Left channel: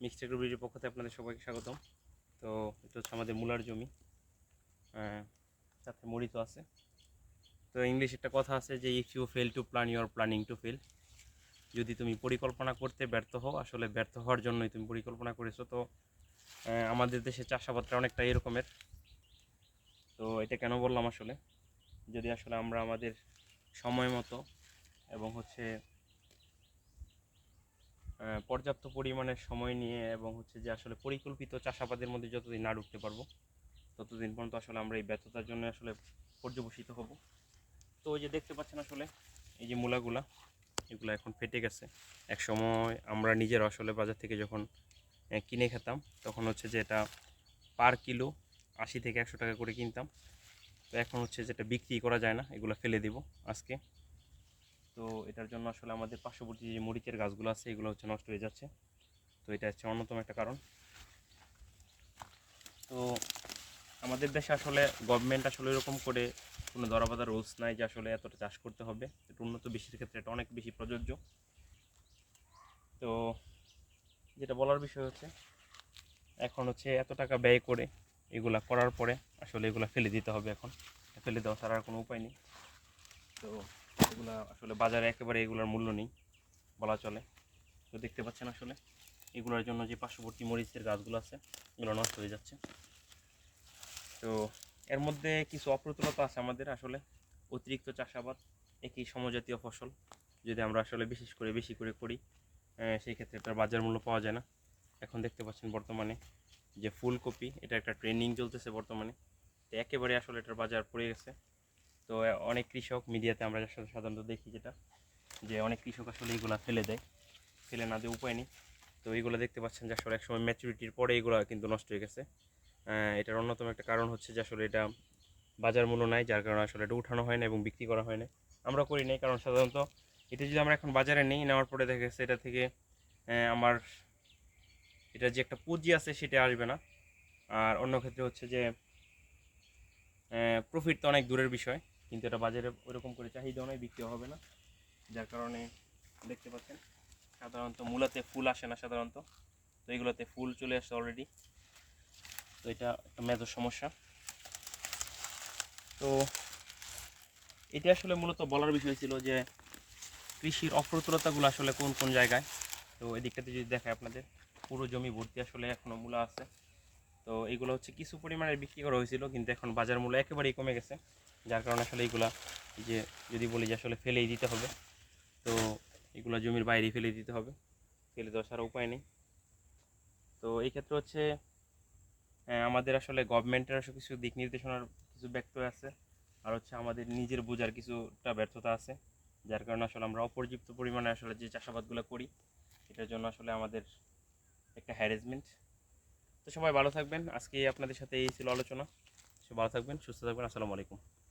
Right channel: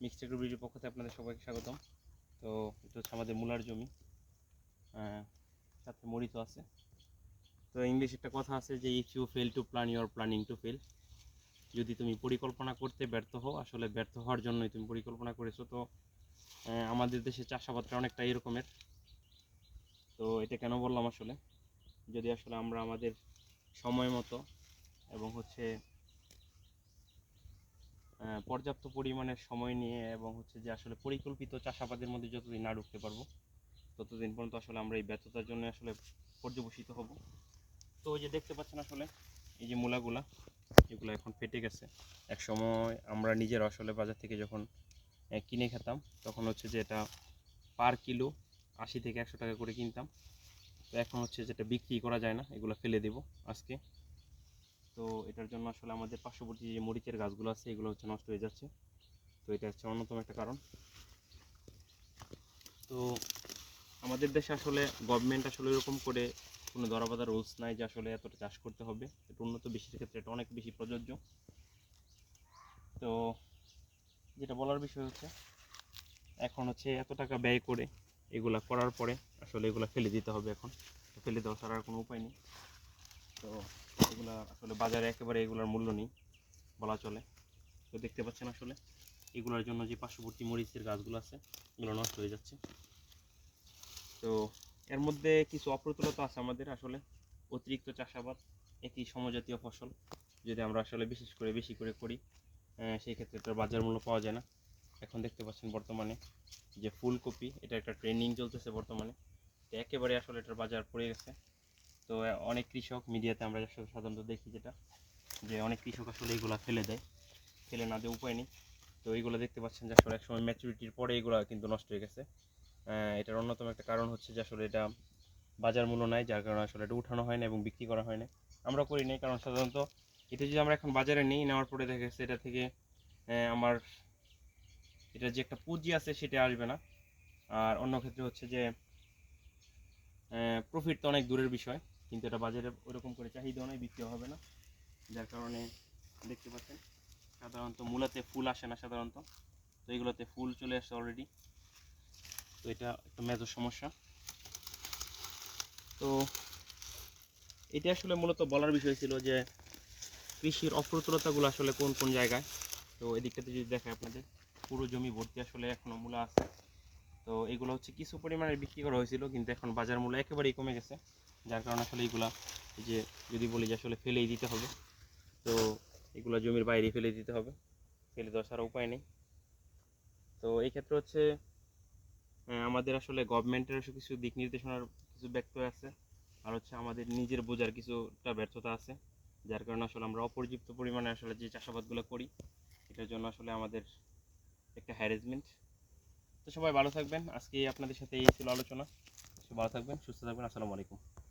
Mixed এগ্রোবিডির পক্ষ থেকে আপনাদের সবাইকে স্বাগতম। তো এটা হচ্ছে আমাদের মূলার জমি। সাথে মরিচ আছে। তো ইংলিশ একটা কথা আছে যে if you fail to plan your planning to fail যদি তুমি পরিকল্পনা করতে ব্যর্থ হও, আসলে ব্যর্থ হওয়ার জন্যই তুমি পরিকল্পনা করেছ। তো আমাদের দেশে চাষাবাদটা অনেকটা এরকমের। তো এটা কেন বললাম আসলে? যদি আসলে আমরা আমাদের সময় মতো এবং হচ্ছে পর্যাপ্ত পরিমাণে সময় নিয়ে এবং হচ্ছে যে আসলে পরিকল্পিত চাষাবাদের মধ্যে যতদিন না ঢুকতে পারব, ততদিন পর্যন্ত আসলে আমরা এই ব্যর্থতার জন্য আসলে পর্যবসিত হব। তো ওই যে দেখতে পাচ্ছেন আসলে এই যে মূলাগুলা, এগুলো এখন ফেটে গেছে। এক সময় আমরা নিজের আসলে বাজার থেকে যখন কিনে খেতাম, তখন হচ্ছে যে এটা পার কিলো আশি থেকে একশো টাকা করে কিনতাম। তো এখন হচ্ছে যেটা বিক্রি করা যায় না, এগুলো ফেলে দেব আজকে। তো এটার জন্য আসলে আমাদের পার্শ্ববর্তী যে মরিচের গাছগুলো আছে, এগুলো হচ্ছে নষ্ট হয়ে যাচ্ছে। তো এটা হচ্ছে অন্যতম একটা কারণ। তো আমাদের দেশে আসলে গভর্নমেন্ট আসলে এরকম করে কোনো দরাবাধা রুলস নাই যে আসলে এতটা চাষ করতে হবে। এটা উন্নত বিশ্বের ক্ষেত্রে এটা অনেক বেশি প্রযোজ্য। তো যেটা বলার বিষয় হচ্ছে, এখন হচ্ছে এত টাকা ব্যয় করে এগুলা করার পরে আসলে এগুলা ফেলে দিতে হবে এখন। ফেলে দেওয়া ছাড়া আর কোনো উপায় নেই। তো এগুলা আসলে বাজারে একেবারে এগুলোর মূল্য নেই, বলা চলে। তো দেখতে পাচ্ছেন আসলে, এগুলোর জন্য যে পার্শ্ববর্তী মরিচের গাছগুলো আছে, এগুলো নষ্ট হয়ে যাচ্ছে। তো এর মধ্যে কিছু অপ্রতুলতা আছে আমাদের আসলে, অতিরিক্ত চাষাবাদ, একই সমজাতীয় ফসল, যদি আমরা আসলে বিশেষ করে বেশি করে করি সেই ক্ষেত্রে এটার বাজার মূল্য পাওয়া যায় না। এখন দেখতে পাচ্ছেন বর্তমানে যে ফুলকপি, এটা একটা ট্রেন্ডিং চলতেছে বর্তমানে। তো একেবারে আসলে এটার বাজার পড়ে গেছে। তো অনেক কৃষক মিডিয়াতে আমরা সাধারণত দেখি যেটা, যে অনেক কৃষক আসলে এইগুলা ফেলে দেয়। ফেলে না দিয়ে উপায় নেই। তো এইগুলো দেখতে পাচ্ছেন যে আসলে একসময় ম্যাচুরিটির পরে এগুলো কিন্তু নষ্ট হয়ে গেছে। এটার অন্যতম একটা কারণ হচ্ছে যে আসলে এটা বাজার মূল্য নাই, যার কারণে আসলে এটা উঠানো হয় না এবং বিক্রি করা হয় না। আমরা করি নাই, কারণ সাধারণত এটা যদি আমরা এখন বাজারে নেই, নেওয়ার পরে দেখা গেছে এটা থেকে আমার এটা যে একটা পুঁজি আছে সেটা আসবে না। আর অন্য ক্ষেত্রে হচ্ছে যে প্রফিট তো অনেক দূরের বিষয়। কিন্তু এটা বাজারে ওরকম করে চাহিদা নয় বিক্রি হবে না। যার কারণে দেখতে পাচ্ছেন, সাধারণত মূলাতে ফুল আসে না সাধারণত। তো এগুলোতে ফুল চলে আসছে অলরেডি তো এটা একটা মেজর সমস্যা। তো এটা আসলে মূলত বলার বিষয় ছিল যে কৃষির অপ্রতুলতাগুলো আসলে কোন কোন জায়গায়। তো এদিকটাতে যদি দেখায় আপনাদের, পুরো জমি ভর্তি আসলে এখনও মূলা আছে। তো এগুলো হচ্ছে কিছু পরিমাণে বিক্রি করা হয়েছিল, কিন্তু এখন বাজার মূল্য একেবারেই কমে গেছে। যার কারণে আসলে এগুলা যে যদি বলি যে আসলে ফেলেই দিতে হবে, তো এগুলো জমির বাইরে ফেলে দিতে হবে। ফেলে দেওয়া ছাড়া উপায় নেই। তো এই ক্ষেত্রে হচ্ছে আমাদের আসলে গভর্নমেন্টের আসলে কিছু দিক নির্দেশনার কিছু ব্যক্ত আছে, আর হচ্ছে আমাদের নিজের বোঝার কিছুটা ব্যর্থতা আছে। যার কারণে আসলে আমরা অপর্যাপ্ত পরিমাণে আসলে যে চাষাবাদগুলো করি, এটার জন্য আসলে আমাদের একটা হ্যারেসমেন্ট তো সবাই ভালো থাকবেন। আজকে আপনাদের সাথে এই ছিল আলোচনা। ভালো থাকবেন, সুস্থ থাকবেন। আসসালামু আলাইকুম।